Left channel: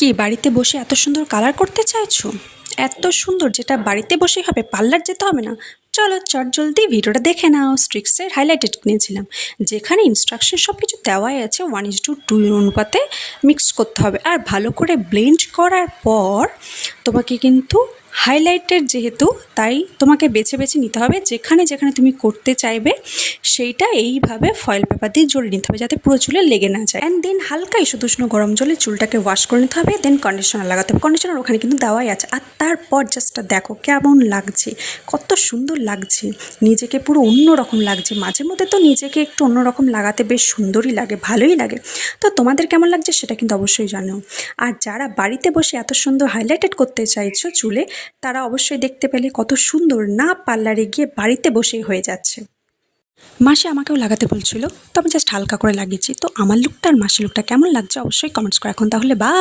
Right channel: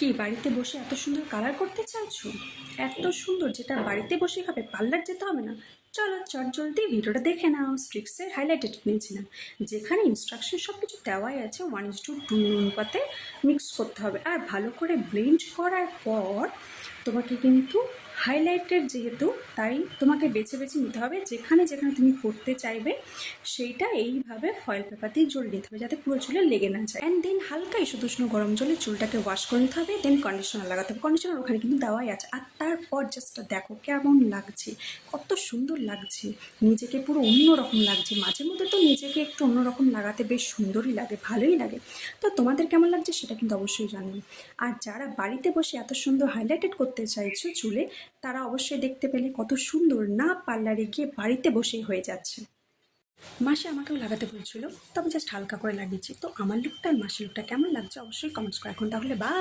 কি বাড়িতে বসে এত সুন্দর কালার করতে চাইছো? এত সুন্দর যেটা বাড়িতে বসেই হবে, পার্লার যেতে হবে না। চলো চটজলদি ভিডিওটা দেখে নাও। স্ট্রিক্সের হাইলাইটেড নিয়েছিলাম, যেখানে ইনস্ট্রাকশন সব কিছু দেওয়াই আছে। 1:2 অনুপাতে মিক্স করতে হবে, আর ভালো করে ব্লেন্ড করার পর তোমাকে কিন্তু হাইলাইটের যেহেতু, তাই তোমাকে বেছে বেছে নিতে হবে যেখানে যেখানে তুমি করতে চাইবে সেইটা এইভাবে ফয়েল পেপার দিয়ে জড়িয়ে নিতে হবে, যাতে পুরো চুলে লেগে না যায়। অ্যান্ড দেন হালকা ইস্যু উষ্ণ গরম জলে চুলটাকে ওয়াশ করে নিতে হবে। দেন কন্ডিশনার লাগাতে হবে, কন্ডিশনার ওখানে কিন্তু দেওয়াই আছে। আর তারপর জাস্টটা দেখো কেমন লাগছে, কত সুন্দর লাগছে, নিজেকে পুরো অন্যরকম লাগছে। মাঝে মধ্যে তো নিজেকে একটু অন্যরকম লাগাতে বেশ সুন্দরই লাগে, ভালোই লাগে। তো তোমাদের কেমন লাগছে সেটা কিন্তু অবশ্যই জানাও। আর যারা বাড়িতে বসে এত সুন্দর হাইলাইটেড করতে চাইছো চুলে, তারা অবশ্যই দেখতে পেলে কত সুন্দর, না পার্লারে গিয়ে বাড়িতে বসেই হয়ে যাচ্ছে। মাসি আমাকেও লাগাতে বলছিল, তো আমি জাস্ট হালকা করে লাগিয়েছি। তো আমার লুকটা আর মাসি লুকটা কেমন লাগছে অবশ্যই কমেন্টস করে এখন। তাহলে বা